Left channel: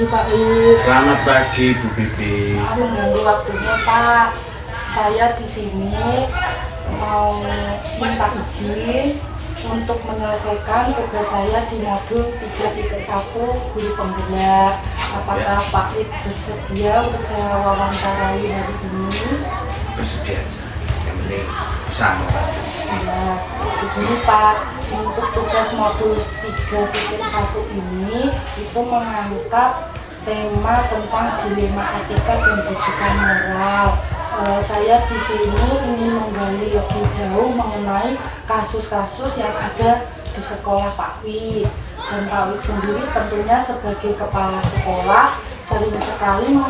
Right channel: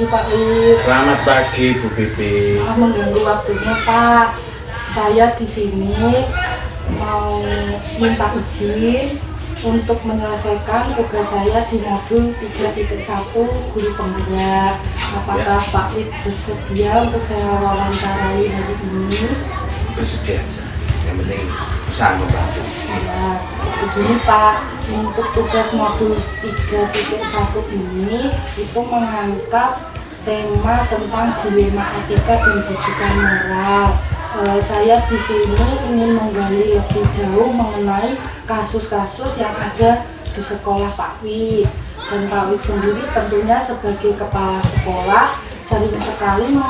pagi Pak Wid. Selamat pagi Bu Bibi. Mengganggu waktunya Pak. Saya di sini mau minta izin untuk menyelesaikan tugas saya di modul 3.1 guru penggerak. Apakah Pak Wid bersedia untuk saya wawancarai hari ini? Bersedia aja. Yang penting bisa membantu. Ya, begini Pak, untuk tugas modul 3.1 ini itu mengangkat tema tentang dilema etika dan bujukan moral. Saya di sini ingin menggali lebih jauh mengenai kasus-kasus yang ada di sekolah Pak Wid. Dan Pak Wid sendiri tentunya sebagai kepala sekolah sering sekali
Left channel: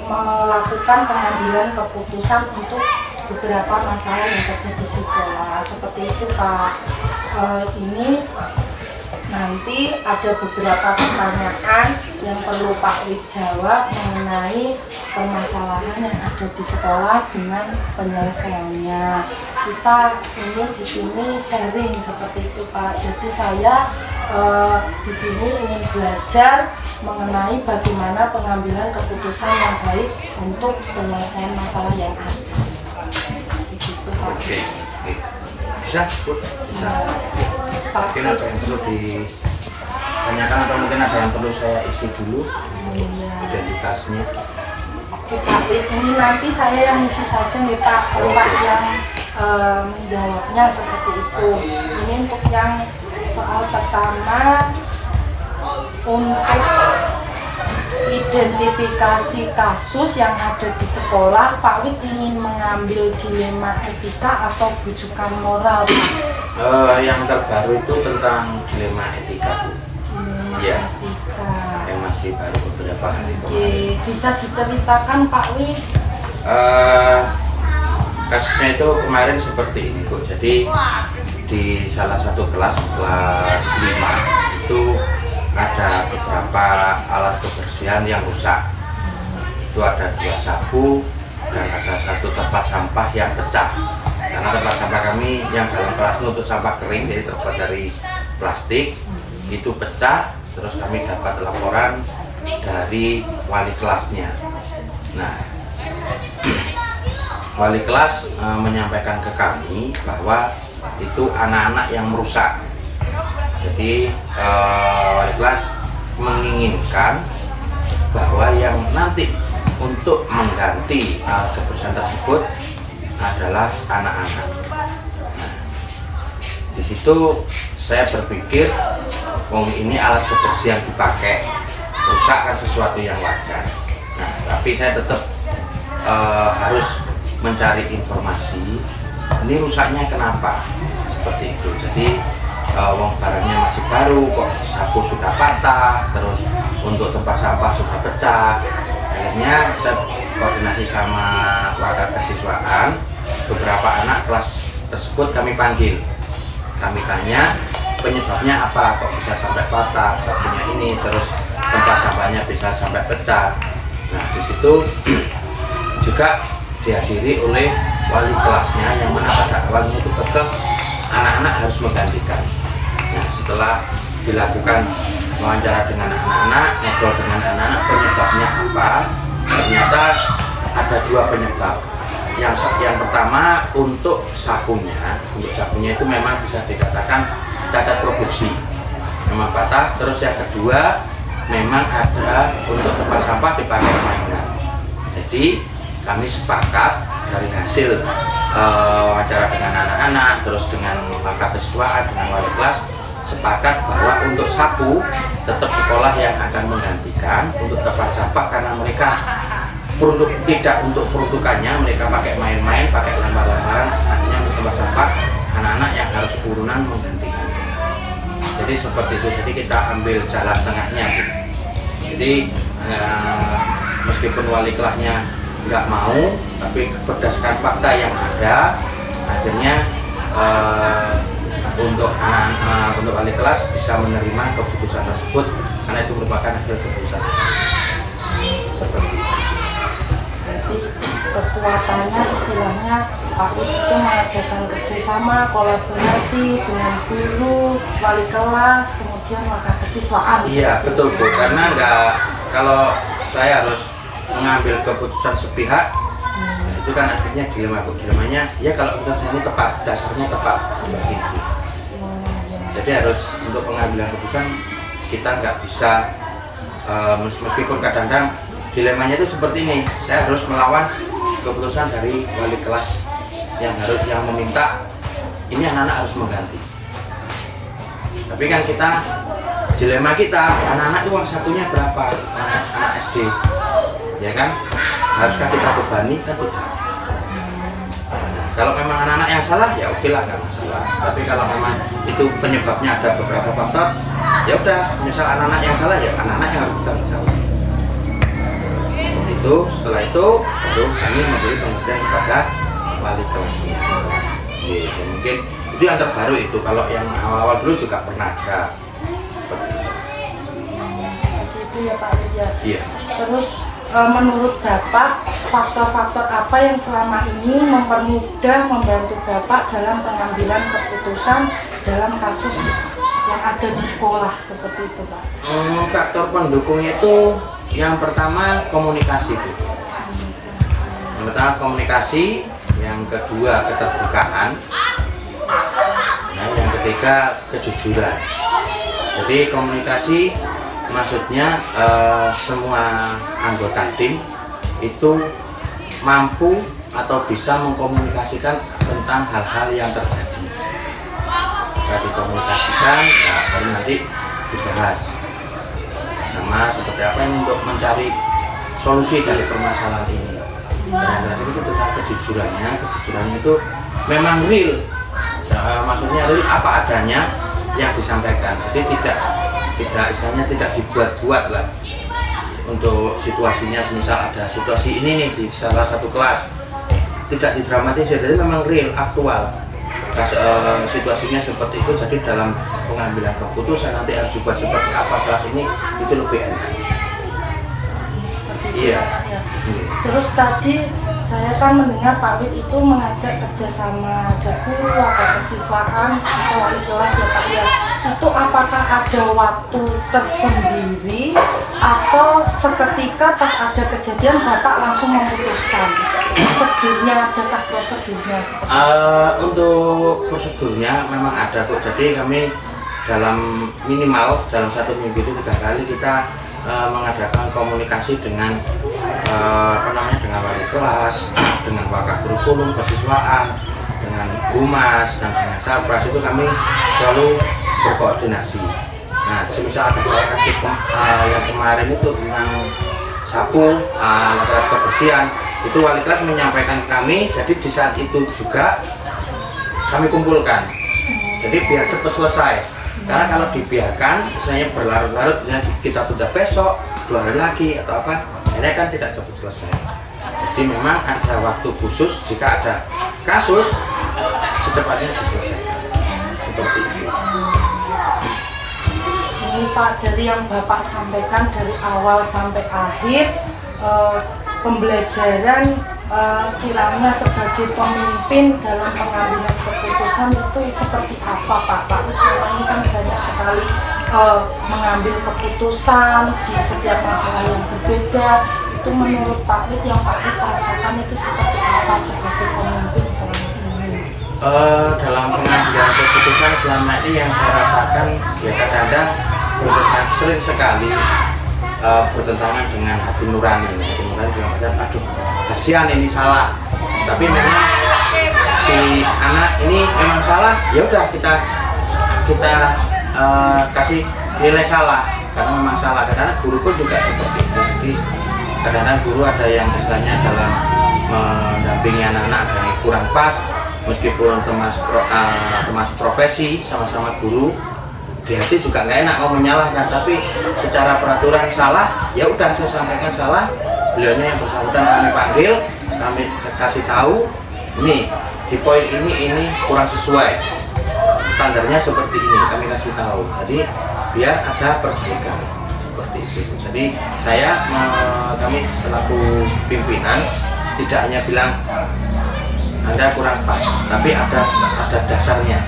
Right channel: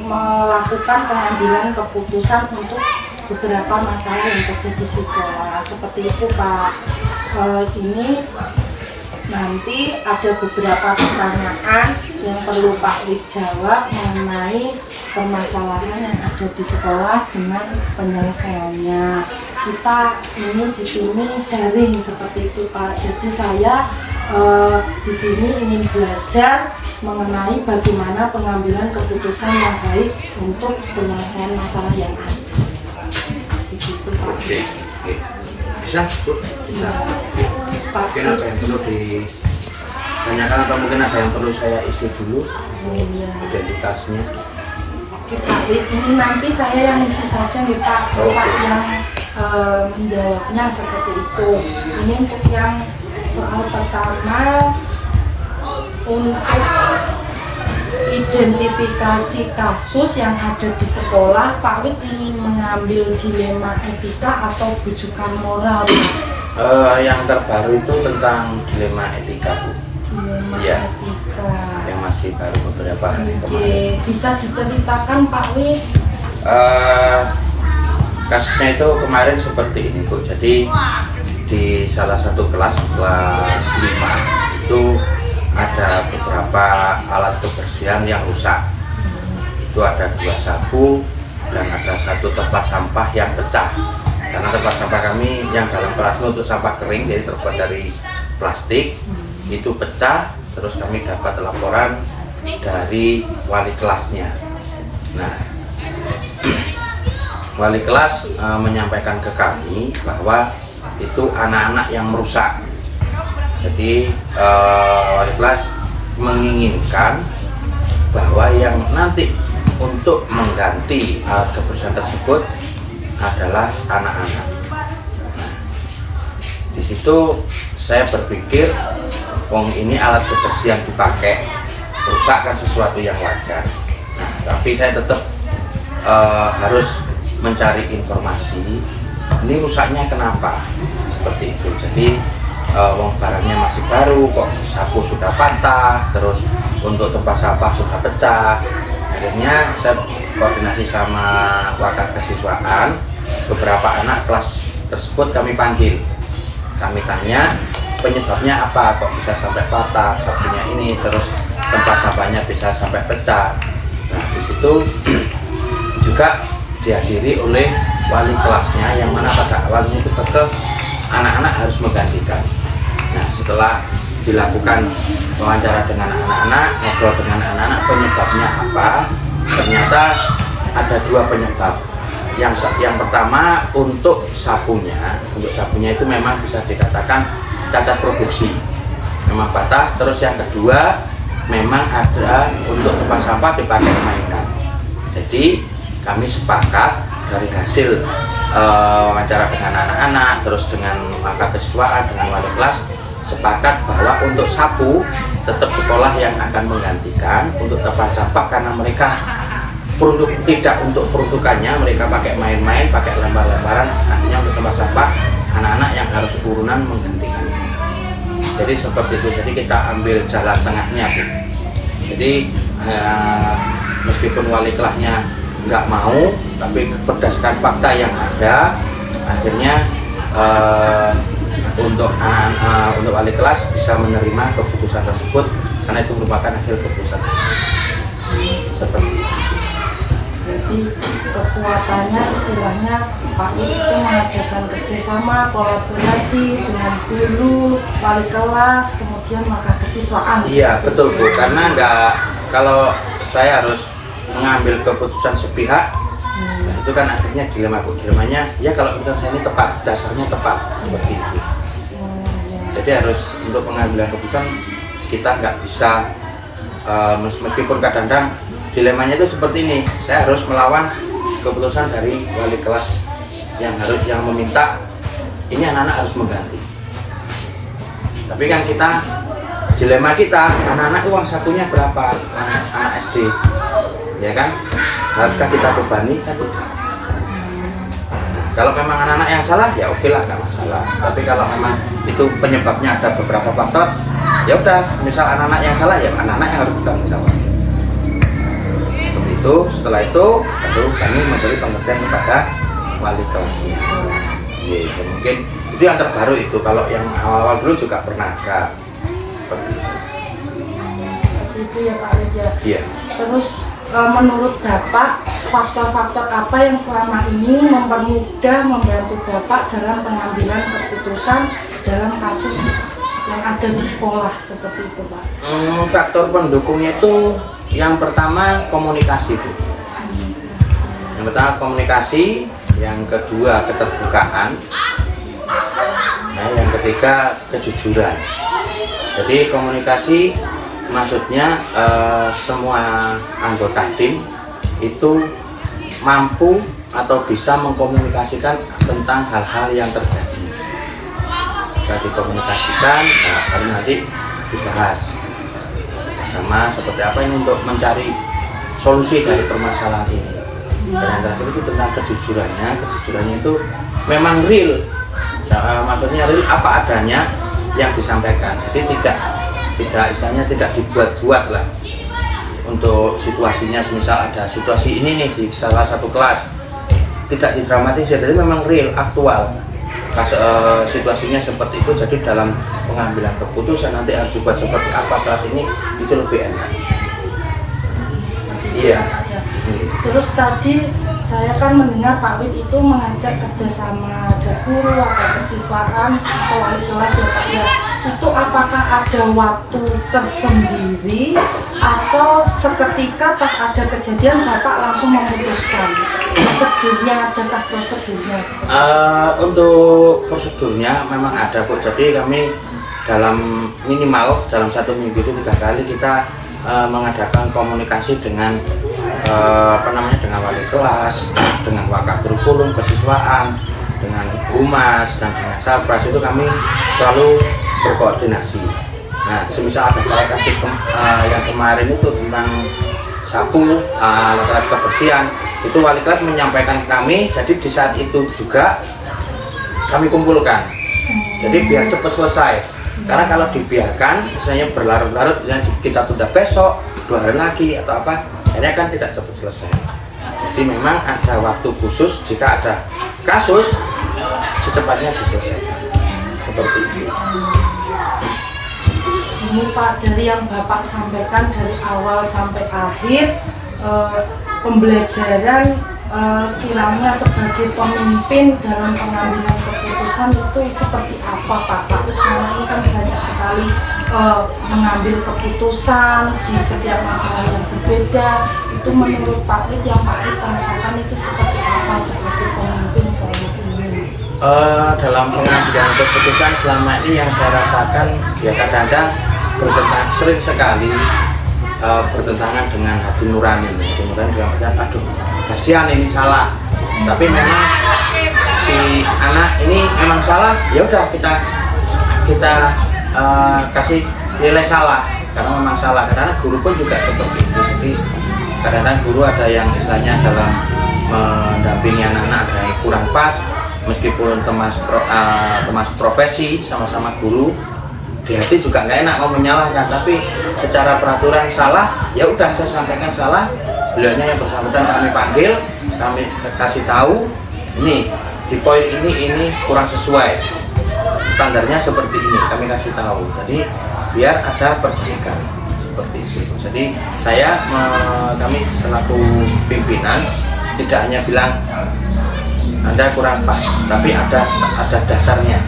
melakukan pengambilan keputusan untuk beberapa masalah yang terjadi di sekolah. Seperti itu Pak. Ini nanti ada beberapa pertanyaan yang perlu Pak Wid jawab mengenai permasalahan yang ada di sekolah dengan penyelesaiannya. Kita ini di sini sharing seperti itu Pak. Jadi saya di sini ingin belajar mengenai bagaimana pengambilan keputusan yang baik untuk penyelesaian masalah yang ada. Begitu Pak. Oke. Bisa Bu? Bisa. Pak Mungkin ada yang perlu ditanyakan atau mungkin ada yang perlu saya isi dulu identitasnya. Pak Wid, ini nanti saya yang isi saja nih Pak, Pak yang menjawabnya seperti itu. Ini untuk yang soal pertama, untuk identifikasi kasus yang ada di sekolah, Pak Wid ingin mengambil dilema etika atau bujukan moral Pak? Yang terbaru itu tentang dilema etika Bu. Dilema Ya. etika. Yang masih baru beberapa hari Oke, kemarin. bisa diceritakan Pak Wid? Kasusnya itu kemarin seperti ini Bu. Jadi di salah satu kelas 5 itu ada beberapa alat kebersihan yang rusak. Itu ada 2 sapu dan ada 1 tempat sampah yang pecah. Karena tempat sampah kami yang dalam kelas itu untuk sampah kering, jadi terbuat dari plastik, itu pecah. Terus kami dapat laporan dari wali kelasnya. Nah, wali kelas menyampaikan ke kami bahwa itu anak-anak yang merusak. Jadi wali kelas menginginkan bahwa yang nanti untuk mengganti alat kebersihan tersebut adalah anak-anak. Nah, di situ saya berpikir, wong ini alat kebersihan dipakai, rusak kan sesuatu yang wajar. Nah, tapi saya tetap harus mencari informasi. Ini rusaknya kenapa? Seperti itu. Jadi wong barangnya masih baru, kok sapu sudah patah, terus untuk tempat sampah sudah pecah. Akhirnya saya koordinasi sama wakil kesiswaan, beberapa anak kelas tersebut kami panggil. Kami tanya penyebabnya apa, kok bisa sampai patah sapunya ini, terus tempat sampahnya bisa sampai pecah. Nah, di situ juga dihadiri oleh wali kelasnya, yang mana pada awalnya itu tetap anak-anak harus menggantikan. Nah, setelah dilakukan wawancara dengan anak-anak, ngobrol dengan anak-anak penyebabnya apa, ternyata ada 2 penyebab. Yang pertama untuk sapunya itu memang bisa dikatakan cacat produksi, memang patah. Terus yang kedua memang ada untuk tempat sampah dipakai mainan. Jadi kami sepakat dari hasil wawancara dengan anak-anak, terus dengan wakil kesiswaan, dengan wali kelas, sepakat bahwa untuk sapu tetap sekolah yang akan menggantikan. Untuk tempat sampah karena mereka tidak untuk peruntukannya, mereka pakai main-main, pakai lembar-lembaran, hanya untuk tempat sampah anak-anak yang harus urunan menggantikan. Jadi seperti itu. Jadi kita ambil jalan tengahnya Bu. Jadi meskipun wali kelasnya nggak mau, tapi berdasarkan fakta yang ada, akhirnya untuk anak-anak, untuk wali kelas bisa menerima keputusan tersebut karena itu merupakan hasil keputusan seperti itu. Jadi kekuatannya istilahnya Pak Wid itu mengadakan kerjasama, kolaborasi dengan guru, wali kelas, kemudian wakil kesiswaan. Iya betul Bu, karena nggak kalau saya harus mengambil keputusan sepihak, nah itu kan akhirnya dilema Bu. Dilemanya ya kalau keputusan saya ini tepat, dasarnya tepat seperti itu. Jadi harus untuk pengambilan keputusan kita nggak bisa meskipun kadang-kadang dilemanya itu seperti ini, saya harus melawan keputusan dari wali kelas yang meminta ini anak-anak harus mengganti. Tapi kan kita dilema kita, anak-anak uang sakunya berapa, anak SD, ya kan? Haruskah kita bebani? Kan tidak. Kalau memang anak-anak yang salah, ya oke lah, nggak masalah. Tapi kalau memang itu penyebabnya ada beberapa faktor, ya udah, misal anak-anak yang salah, ya anak-anak yang harus bertanggung jawab. Seperti itu. Setelah itu baru kami memberi pengertian kepada wali kelasnya. Ya, mungkin itu yang terbaru itu. Kalau yang awal-awal dulu juga pernah ada. Seperti itu ya Pak Alif ya. Iya. Terus menurut Bapak, faktor-faktor apa yang selama ini membantu Bapak dalam pengambilan keputusan dalam kasus yang ada di sekolah seperti itu Pak? Faktor pendukungnya itu yang pertama komunikasi Bu. Yang pertama komunikasi, yang kedua keterbukaan, nah yang ketiga kejujuran. Jadi komunikasi maksudnya semua anggota tim itu mampu atau bisa mengkomunikasikan tentang hal-hal yang terjadi. Bisa dikomunikasikan, nah baru nanti dibahas sama seperti apa ini untuk mencari solusi dari permasalahan ini. Dan yang terakhir itu tentang kejujurannya. Kejujurannya itu memang real, nah, maksudnya real apa adanya yang disampaikan. Jadi tidak istilahnya tidak dibuat-buat lah. Untuk situasinya, misal ada situasi ini nih di salah satu kelas, tidak didramatisir, jadi memang real, aktual. Situasinya seperti itu, jadi dalam pengambilan keputusan nanti harus dibuat seperti apa kelas ini, itu lebih enak. Iya. Terus tadi saya kan mendengar Pak Wid itu mengajak kerjasama ke guru atau kesiswaan atau wali kelas ya Pak ya. Itu apakah ada waktu tersendiri atau seketika pas ada kejadian Bapak langsung memutuskan? Prosedurnya, adakah prosedurnya seperti itu? Untuk prosedurnya memang ada Bu. Jadi kami dalam minimal dalam 1 minggu itu 3 kali kita mengadakan komunikasi dengan dengan wali kelas, dengan wakaf kurikulum, kesiswaan, dengan humas dan dengan Sarpras. Itu kami selalu berkoordinasi. Nah, semisal ada kayak kasus yang kemarin itu tentang sapu, alat-alat kebersihan, itu wali kelas menyampaikan kami, jadi di saat itu juga kami kumpulkan. Jadi biar cepat selesai. Karena kalau dibiarkan, misalnya berlarut-larut, kita tunda besok, 2 hari lagi atau apa, akhirnya kan tidak cepat selesai. Jadi memang ada waktu khusus jika ada kasus secepatnya diselesaikan. Seperti itu. Ini Pak, dari yang Bapak sampaikan dari awal sampai akhir, pembelajaran kiranya sebagai pemimpin dalam pengambilan keputusan itu seperti apa Pak? Pak Wid selama ini kan banyak sekali mengambil keputusan di setiap masalah yang berbeda. Itu menurut Pak Wid yang Pak Wid rasakan itu seperti apa sebagai pemimpin selama ini? Dalam pengambilan keputusan selama ini yang saya rasakan ya kadang-kadang sering sekali bertentangan dengan hati nurani. Hati nurani dalam artian aduh kasihan ini salah, tapi memang si anak ini memang salah, ya udah kita kasih nilai salah karena memang salah. Kadang-kadang guru pun juga seperti itu. Jadi kadang-kadang guru ada yang istilahnya dalam mendampingi anak-anak ada yang kurang pas, meskipun teman profesi sama-sama guru, di hati juga nggak enak mau menyalahkan, tapi secara peraturan salah, ya udah saya sampaikan salah. Beliaunya yang bersangkutan kami panggil, kami kasih tahu, ini di poin ini kurang sesuai, standarnya seperti ini, kami kasih tahu. Jadi biar ada perbaikan seperti itu. Jadi kami selaku pimpinan tidak hanya bilang Anda kurang pas, tapi ada dasarnya.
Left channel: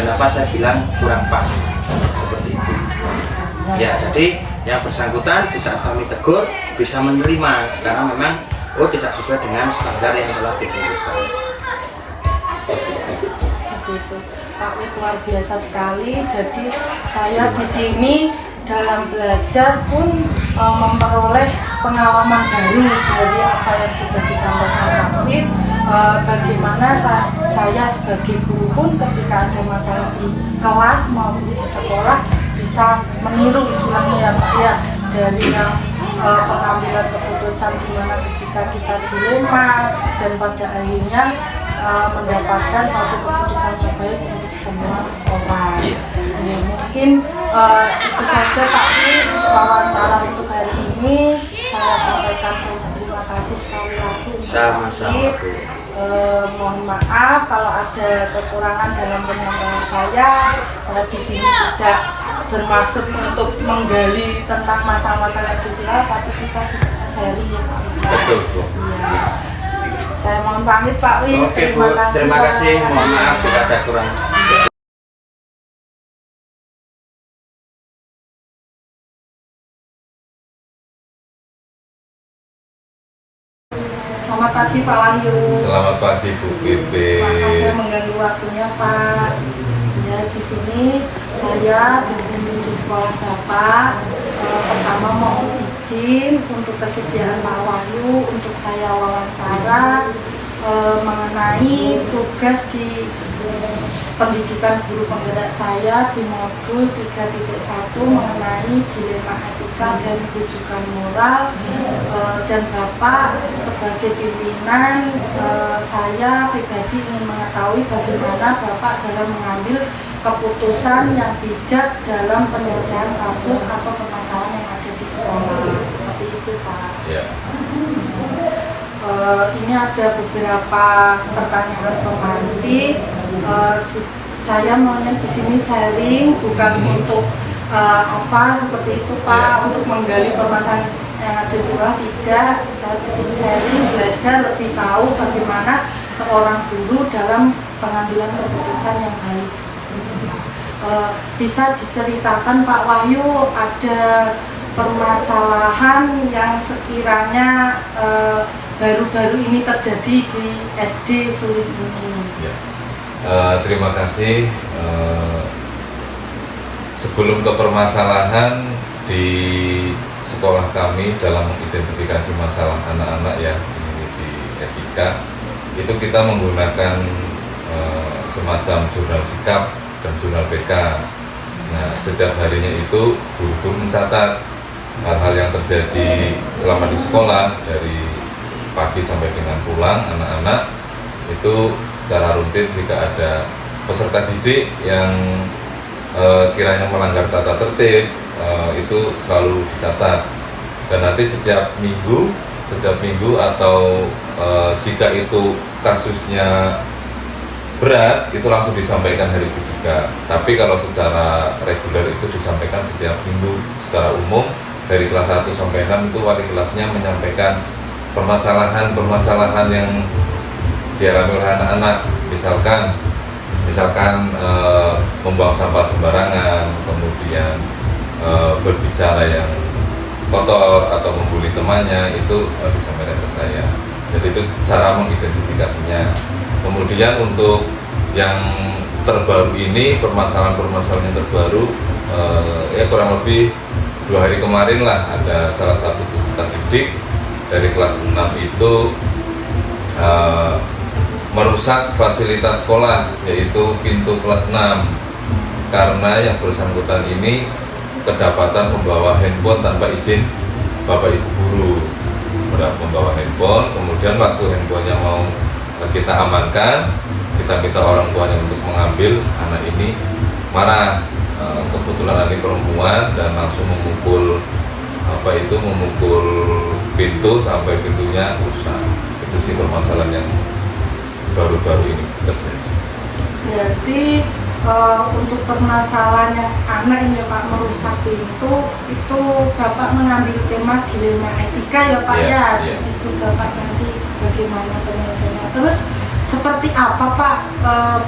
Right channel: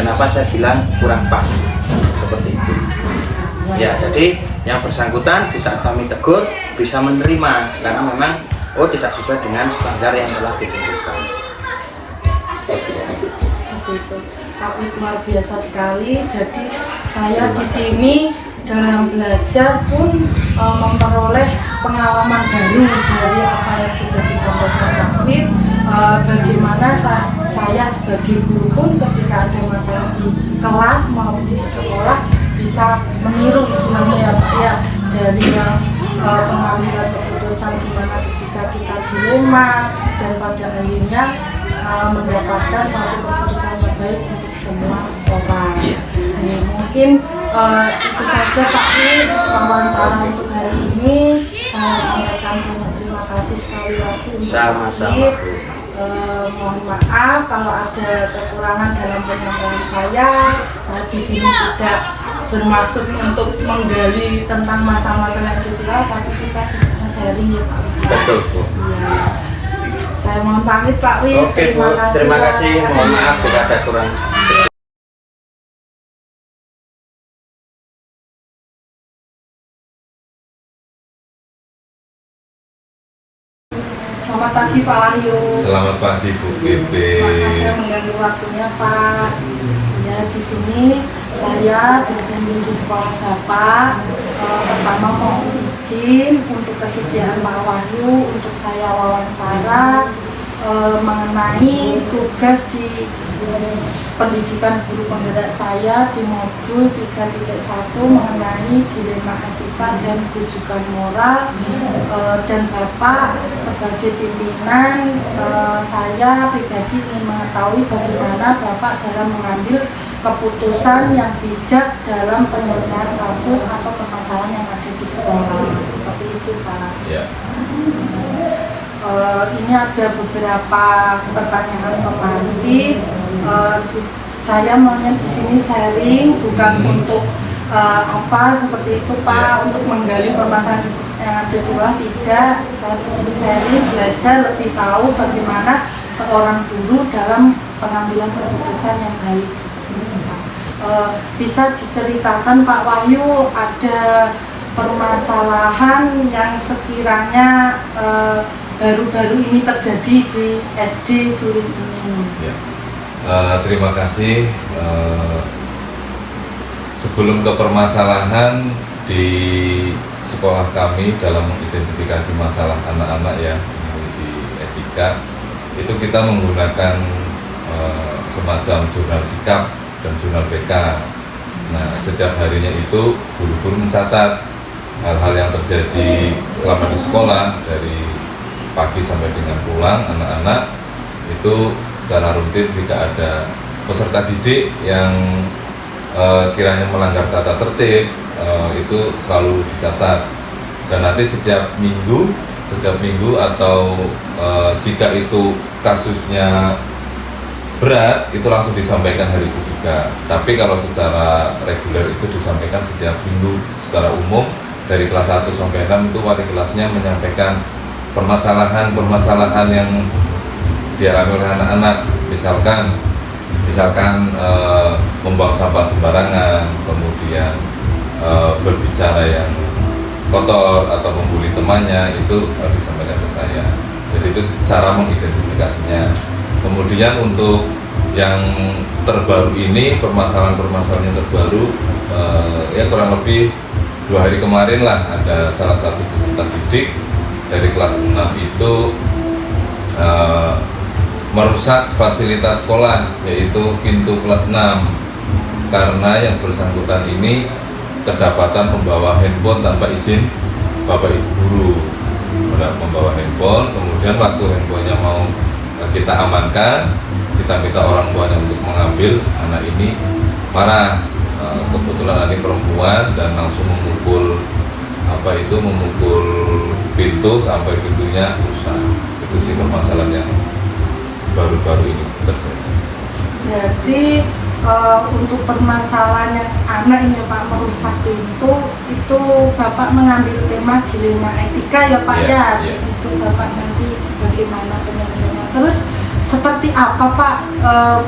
Kenapa saya bilang kurang pas seperti itu? Ya, jadi yang bersangkutan di saat kami tegur bisa menerima karena memang tidak sesuai dengan standar yang telah ditentukan. Begitu. Pak Wid luar biasa sekali. Jadi saya di sini dalam belajar pun memperoleh pengalaman baru dari apa yang sudah disampaikan Pak Wid. Bagaimana saya sebagai guru pun ketika ada masalah di kelas maupun di sekolah bisa meniru istilahnya ya Pak ya, dari yang pengambilan keputusan gimana ketika kita dilema dan pada akhirnya mendapatkan suatu keputusan terbaik untuk semua orang. Jadi, mungkin itu saja Pak Wid wawancara untuk hari ini. Saya sampaikan terima kasih sekali lagi untuk Pak Wid. Mohon maaf kalau ada kekurangan dalam penyampaian saya di sini tidak bermaksud untuk menggali tentang masalah-masalah sosial, tapi kita sedang sharing ya Pak Wid. Betul Bu. Ya. Saya mohon pamit Pak Wid. Oke Bu, terima kasih. Mohon maaf jika ada kurang. Selamat pagi Pak Wahyu. Selamat pagi Bu Bebe. Terima kasih mengganggu waktunya Pak. Ya di sini saya berkunjung di sekolah Bapak. Pertama mohon izin untuk kesediaan Pak Wahyu untuk saya wawancara mengenai tugas di pendidikan guru penggerak saya di modul 3.1 mengenai dilema etika dan rujukan moral, dan Bapak sebagai pimpinan saya pribadi ingin mengetahui bagaimana Bapak dalam mengambil keputusan yang bijak dalam penyelesaian kasus atau permasalahan yang ada di sekolah, seperti itu Pak. Ya. Ini ada beberapa pertanyaan pemantik. Saya maunya di sini sharing bukan untuk apa seperti itu Pak, untuk menggali permasalahan yang ada di sekolah, tidak. Saya di sini sharing belajar lebih tahu bagaimana seorang guru dalam pengambilan keputusan yang baik. Bisa diceritakan Pak Wahyu ada permasalahan yang sekiranya baru-baru ini terjadi di SD Sulit ini? Ya. Terima kasih. Sebelum ke permasalahan di sekolah kami dalam mengidentifikasi masalah anak-anak yang memiliki etika, itu kita menggunakan semacam jurnal sikap dan jurnal BK. Nah, setiap harinya itu guru-guru mencatat hal-hal yang terjadi selama di sekolah dari pagi sampai dengan pulang. Anak-anak itu secara rutin jika ada peserta didik yang kiranya melanggar tata tertib itu selalu dicatat, dan nanti setiap minggu atau jika itu kasusnya berat itu langsung disampaikan hari itu juga. Tapi kalau secara reguler itu disampaikan setiap minggu secara umum. Dari kelas 1 sampai 6 itu wali kelasnya menyampaikan permasalahan yang dialami oleh anak-anak, misalkan membuang sampah sembarangan, kemudian berbicara yang kotor atau membuli temannya, itu disampaikan ke saya. Jadi itu cara mengidentifikasinya. Kemudian untuk yang terbaru ini, permasalahan yang terbaru, ya kurang lebih 2 hari kemarin lah ada salah satu peserta didik dari kelas 6 itu merusak fasilitas sekolah, yaitu pintu kelas 6, karena yang bersangkutan ini kedapatan membawa handphone tanpa izin bapak ibu guru. Membawa handphone, kemudian waktu handphonenya mau kita amankan, kita minta orang tuanya untuk mengambil, anak ini marah. Kebetulan adik perempuan dan langsung memukul pintu sampai pintunya rusak. Itu sih permasalahan yang baru-baru ini terjadi. Jadi untuk permasalahan yang anak ini Pak, merusak pintu, itu Bapak mengambil tema dilema etika ya Pak ya. Di situ Bapak nanti bagaimana penyelesaiannya. Terus seperti apa Pak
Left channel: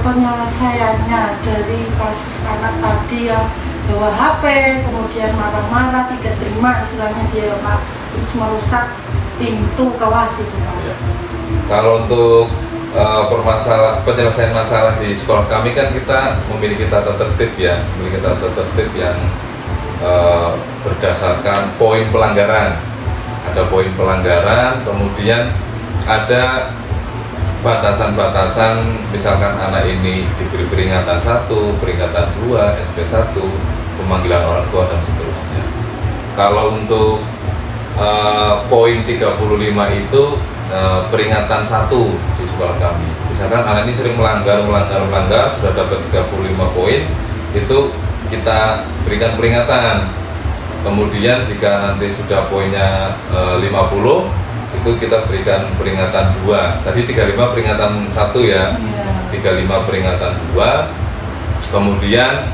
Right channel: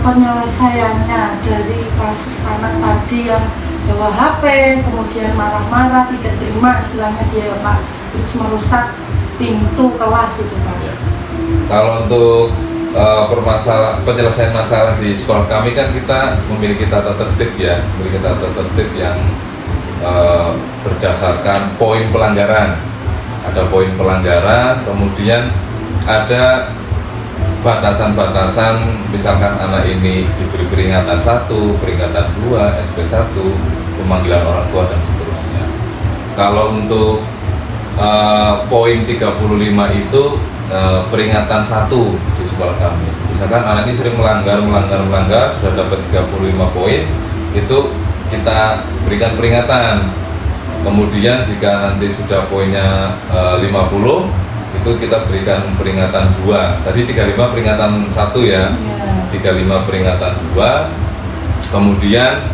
penyelesaiannya dari kasus anak tadi yang bawa HP, kemudian marah-marah, tidak terima istilahnya dia ya Pak, terus merusak pintu kelas itu Pak. Ya. Kalau untuk penyelesaian masalah di sekolah kami kan kita memiliki tata tertib ya, memiliki tata tertib yang berdasarkan poin pelanggaran. Ada poin pelanggaran, kemudian ada batasan-batasan, misalkan anak ini diberi peringatan 1, peringatan 2, SP1, pemanggilan orang tua dan seterusnya. Kalau untuk poin 35 itu peringatan 1 di sekolah kami. Misalkan anak ini sering melanggar, sudah dapat 35 poin, itu kita berikan peringatan. Kemudian jika nanti sudah poinnya 50, itu kita berikan peringatan 2. Tadi 35 peringatan 1 ya, 35 peringatan 2. Kemudian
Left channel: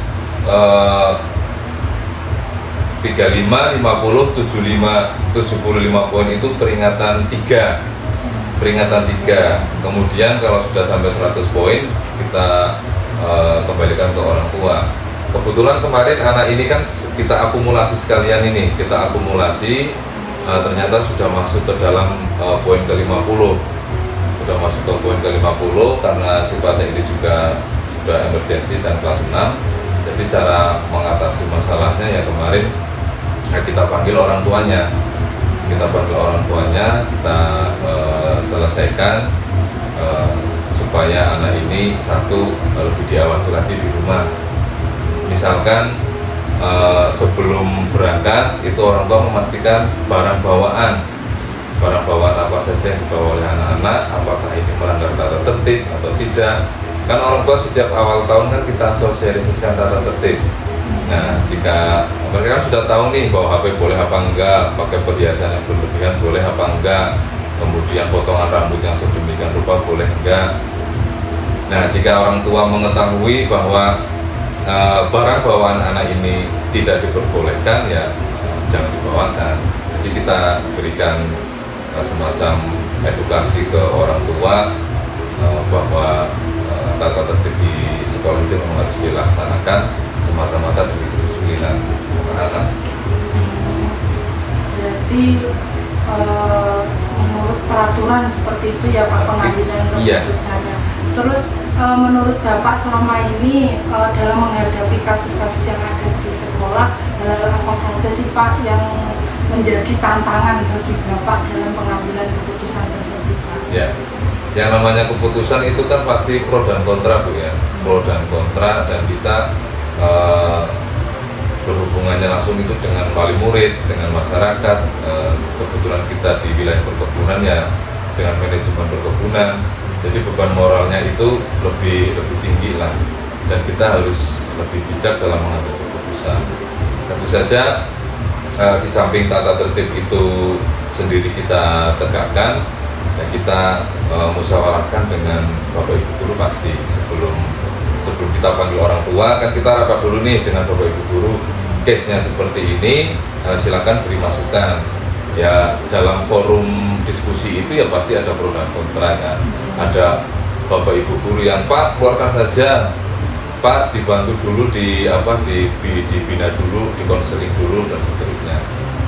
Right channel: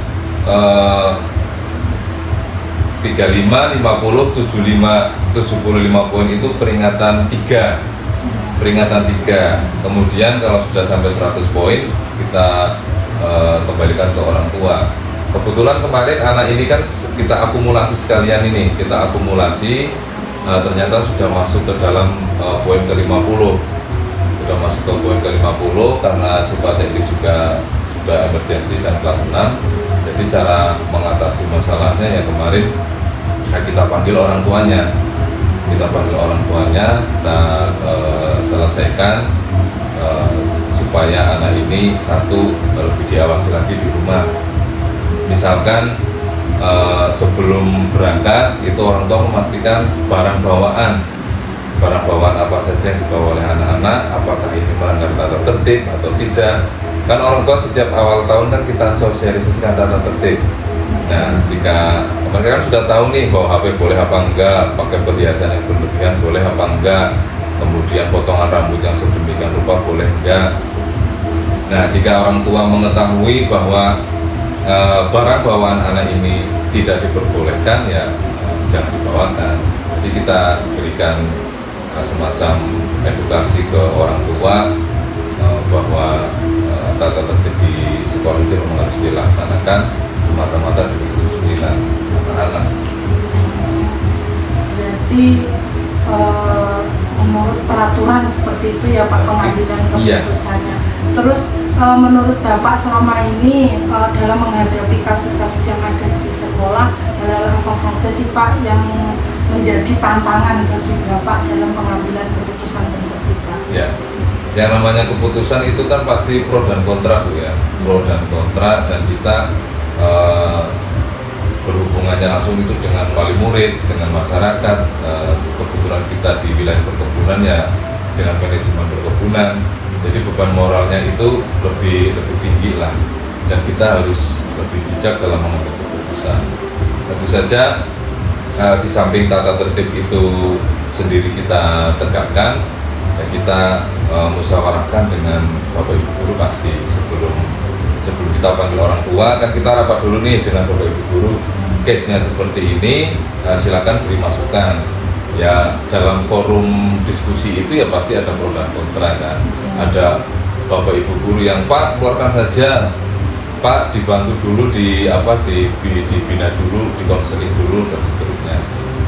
35, 50, 75 poin itu peringatan 3. Peringatan 3. Kemudian kalau sudah sampai 100 poin kita kembalikan ke orang tua. Kebetulan kemarin anak ini kan kita akumulasi sekalian ini, kita akumulasi ternyata sudah masuk ke dalam poin ke-50. Sudah masuk ke poin ke-50 karena sifatnya ini juga sudah emergensi dan kelas 6. Jadi cara mengatasi masalahnya ya kemarin kita panggil orang tuanya. Kita kita selesaikan supaya anak ini satu lebih diawasi lagi di rumah. Misalkan sebelum berangkat itu orang tua memastikan barang bawaan apa saja yang dibawa oleh anak-anak, apakah ini melanggar tata tertib atau tidak. Kan orang tua setiap awal tahun kan kita sosialisasikan tata tertib. Nah, jika mereka kan sudah tahu nih bahwa HP boleh apa enggak, pakai perhiasan yang berlebihan boleh apa enggak, kemudian potongan rambut yang sedemikian rupa boleh enggak. Nah, jika orang tua mengetahui bahwa barang bawaan anak ini tidak diperbolehkan, ya jangan dibawakan. Jadi kita berikan semacam edukasi ke orang tua bahwa tata tertib di sekolah itu memang harus dilaksanakan semata-mata demi kedisiplinan anak-anak. Jadi menurut peraturan seperti itu ya Pak pengambilan keputusannya. Terus menurut Bapak selama ini dalam menghadapi kasus-kasus yang ada di sekolah, apa saja sih Pak yang menjadi tantangan bagi Bapak dalam pengambilan keputusan tersebut Pak? Ya, yang namanya keputusan itu kan pasti pro dan kontra Bu ya, pro dan kontra, dan kita berhubungannya langsung itu dengan wali murid, dengan masyarakat. Kebetulan kita di wilayah perkebunan ya dengan manajemen perkebunan, jadi beban moralnya itu lebih tinggi lah, dan kita harus lebih bijak dalam mengambil keputusan. Tentu saja di samping tata tertib itu sendiri kita tegakkan, dan kita musyawarahkan dengan Bapak Ibu guru pasti sebelum kita panggil orang tua kan kita rapat dulu nih dengan Bapak Ibu guru, case-nya seperti ini, silakan beri masukan. Ya dalam forum diskusi itu ya pasti ada pro dan kontra kan. Ada Bapak Ibu guru yang Pak keluarkan saja, Pak dibantu dulu dibina dulu, dikonseling dulu dan seterusnya.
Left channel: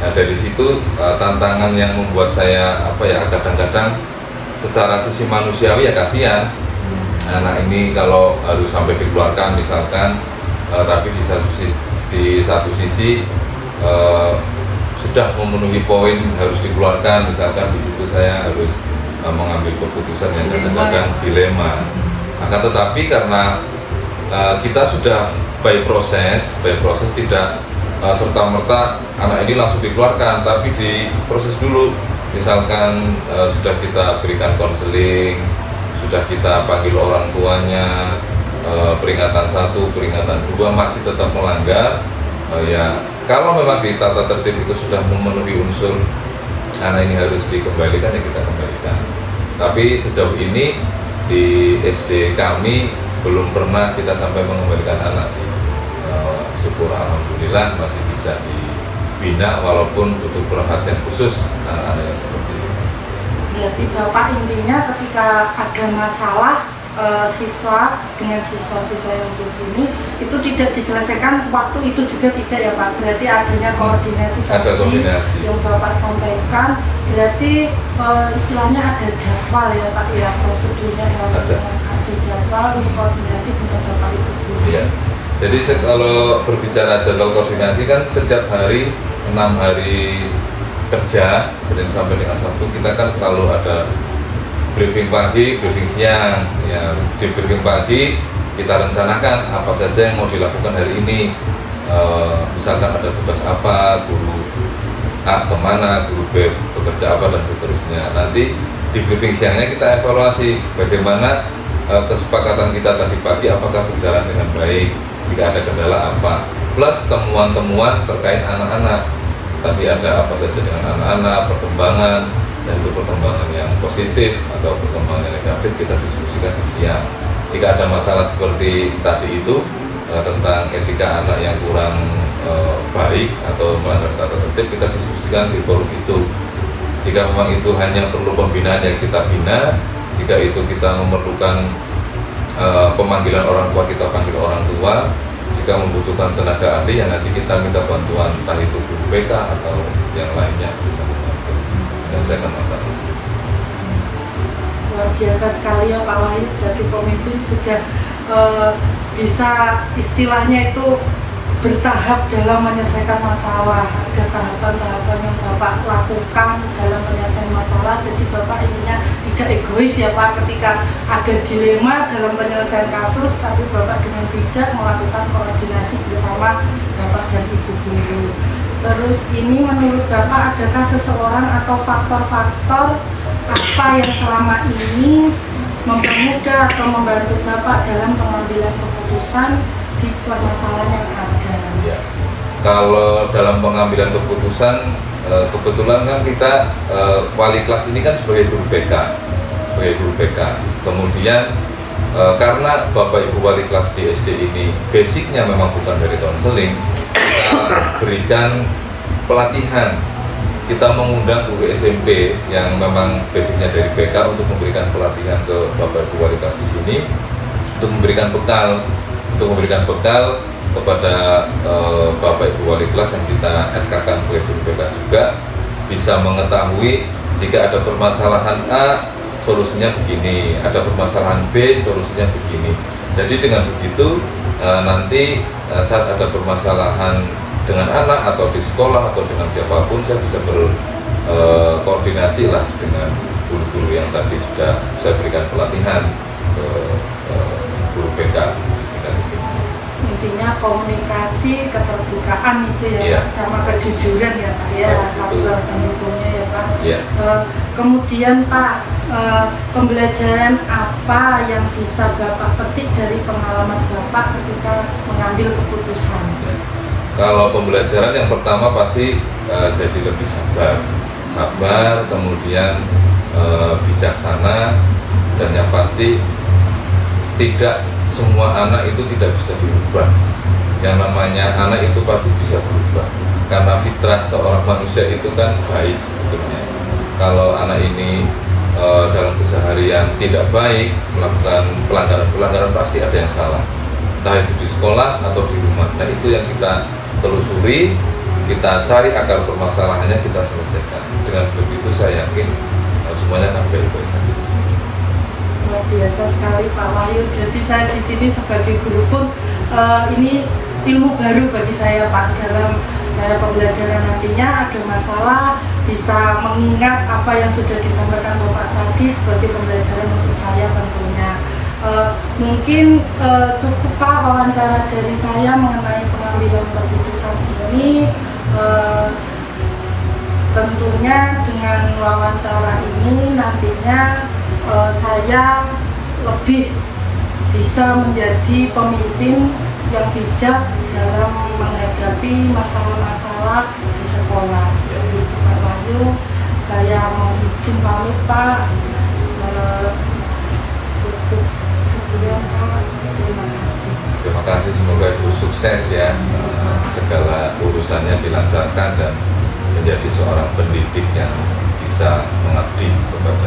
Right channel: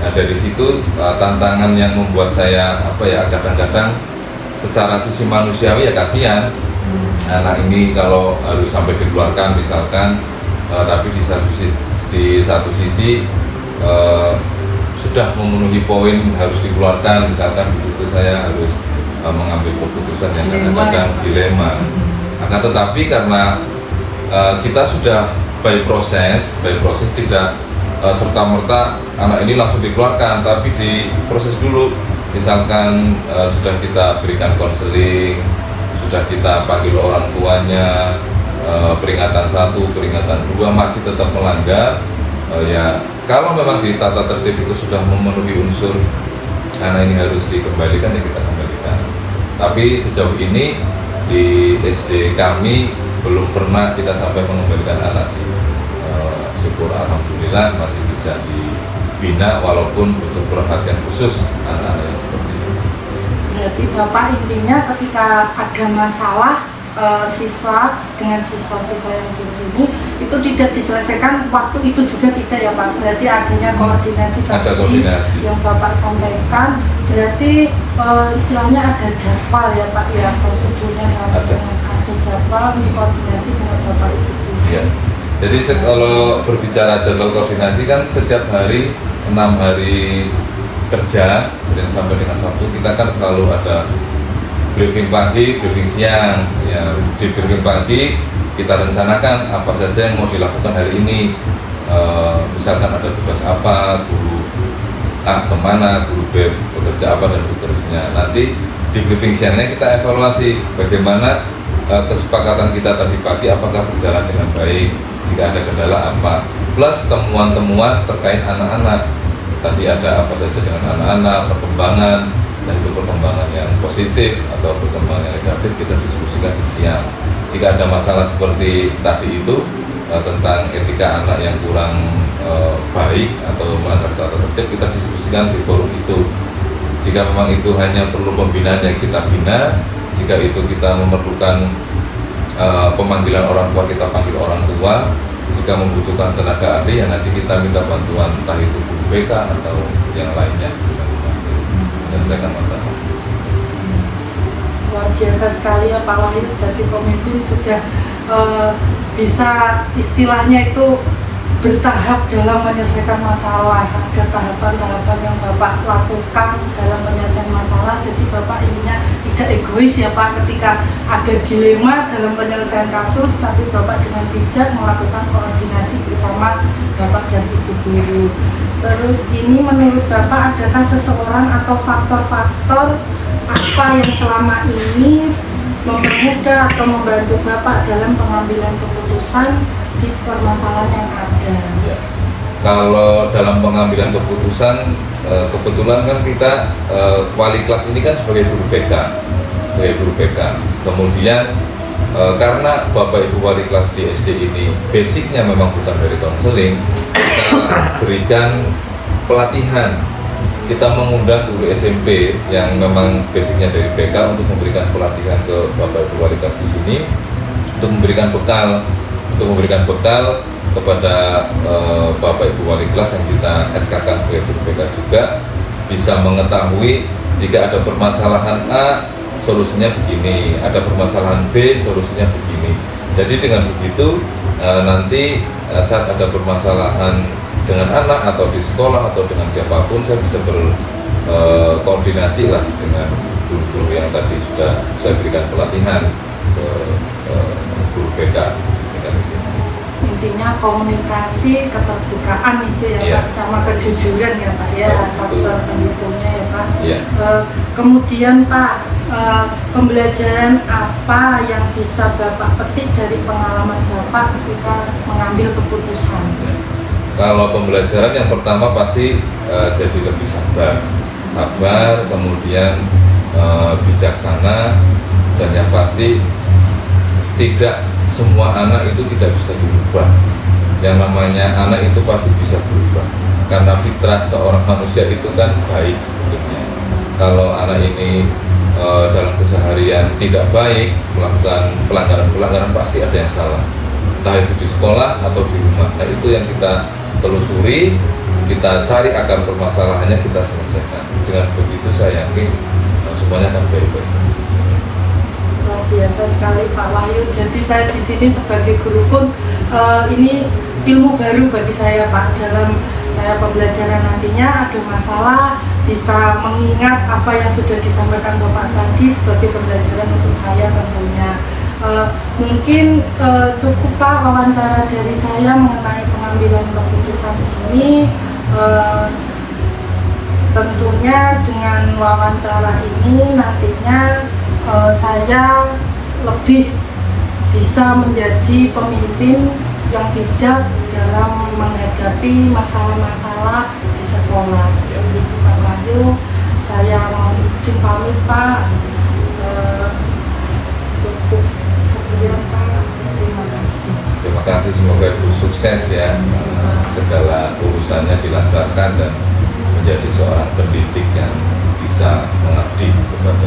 Nah dari situ tantangan yang membuat saya kadang-kadang secara sisi manusiawi ya kasihan. Anak ini kalau harus sampai dikeluarkan misalkan, tapi di satu sisi sudah memenuhi poin harus dikeluarkan, misalkan di situ saya harus mengambil keputusan yang kadang-kadang dilema. Akan tetapi karena kita sudah by proses tidak serta-merta anak ini langsung dikeluarkan, tapi diproses dulu. Misalkan sudah kita berikan konseling, sudah kita panggil orang tuanya, peringatan 1, peringatan 2 masih tetap melanggar, ya kalau memang di tata tertib itu sudah memenuhi unsur anak ini harus dikembalikan, ya kita kembalikan. Tapi sejauh ini di SD kami belum pernah kita sampai mengembalikan anak. Syukur alhamdulillah masih bisa dibina walaupun butuh perhatian khusus anak-anak yang seperti itu. Berarti Bapak intinya ketika ada masalah siswa dengan siswa-siswa yang di sini itu tidak diselesaikan waktu itu juga tidak ya Pak, berarti adanya koordinasi Ada tadi koordinasi. yang Bapak sampaikan, berarti istilahnya ada jadwal ya Pak ya, prosedurnya Ada. jadwal untuk koordinasi dengan Bapak itu. Ya. Jadi kalau berbicara jadwal koordinasi kan setiap hari 6 hari kerja Senin sampai dengan Sabtu kita kan selalu ada briefing pagi, briefing siang. Ya, di briefing pagi kita rencanakan apa saja yang mau dilakukan hari ini. Misalkan ada tugas apa, guru A kemana, guru B bekerja apa dan seterusnya. Nanti di briefing siangnya kita evaluasi bagaimana kesepakatan kita tadi pagi apakah berjalan dengan baik, jika ada kendala apa, plus temuan-temuan terkait anak-anak. Tadi ada apa saja dengan anak-anak, perkembangan, dan itu perkembangan yang positif atau perkembangan yang negatif kita diskusikan di siang. Jika ada masalah seperti tadi itu tentang etika anak yang kurang baik atau melanggar tata tertib, kita diskusikan di forum itu. Jika memang itu hanya perlu pembinaan yang kita bina, jika itu kita memerlukan pemanggilan orang tua, kita panggil orang tua. Jika membutuhkan tenaga ahli, yang nanti kita minta bantuan entah itu guru BK atau yang lainnya bisa dibantu menyelesaikan masalah. Luar biasa sekali ya Pak Wahyu, sebagai pemimpin sudah bisa istilahnya itu bertahap dalam menyelesaikan masalah. Ada tahapan-tahapan yang Bapak lakukan dalam penyelesaian masalah, jadi Bapak ininya tidak egois ya Pak, ketika ada dilema dalam penyelesaian kasus, tapi Bapak dengan bijak melakukan koordinasi bersama Bapak dan Ibu guru. Terus ini menurut Bapak adakah seseorang atau faktor-faktor apa yang selama ini mempermudah atau membantu Bapak dalam pengambilan keputusan di permasalahan yang ada? Ya. Kalau dalam pengambilan keputusan, kebetulan kan kita wali kelas ini kan sebagai guru BK, Kemudian karena Bapak Ibu wali kelas di SD ini basicnya memang bukan dari konseling, kita berikan pelatihan. Kita mengundang guru SMP yang memang basicnya dari BK untuk memberikan pelatihan ke Bapak Ibu wali kelas di sini, untuk memberikan bekal kepada Bapak Ibu wali kelas yang kita SK-kan sebagai guru BK juga bisa mengetahui jika ada permasalahan A solusinya begini, ada permasalahan B solusinya begini. Jadi dengan begitu nanti saat ada permasalahan dengan anak atau di sekolah atau dengan siapapun, saya bisa berkoordinasi lah dengan guru-guru yang tadi sudah saya berikan pelatihan ke guru BK kita di sini. Intinya komunikasi, keterbukaan itu ya Iya. Pak, sama kejujuran ya Pak ya, faktor pendukungnya ya Pak. Iya. Kemudian Pak, pembelajaran apa yang bisa Bapak petik dari pengalaman Bapak ketika mengambil keputusan? Kalau pembelajaran yang pertama pasti jadi lebih sabar, kemudian bijaksana, dan yang pasti tidak semua anak itu tidak bisa dirubah. Yang namanya anak itu pasti bisa berubah, karena fitrah seorang manusia itu kan baik sebetulnya. Kalau anak ini dalam keseharian tidak baik, melakukan pelanggaran pasti ada yang salah, entah itu di sekolah atau di rumah. Nah itu yang kita telusuri, kita cari akar permasalahannya, kita selesaikan. Dengan begitu saya yakin semuanya akan baik-baik saja. Luar biasa sekali Pak Wahyu. Jadi saya di sini sebagai guru pun ini ilmu baru bagi saya Pak, dalam saya pembelajaran nantinya ada masalah bisa mengingat apa yang sudah disampaikan Bapak tadi sebagai pembelajaran untuk saya tentunya. Mungkin cukup Pak wawancara dari saya mengenai pengambilan keputusan ini. Tentunya dengan wawancara ini nantinya saya lebih bisa menjadi pemimpin yang bijak dalam menghadapi masalah-masalah di sekolah. Seperti itu Pak Wahyu, saya mohon izin pamit Pak. Cukup sekian Pak, terima kasih. Terima kasih, semoga itu sukses ya, segala urusannya dilancarkan dan menjadi seorang pendidik yang bisa mengabdi kepada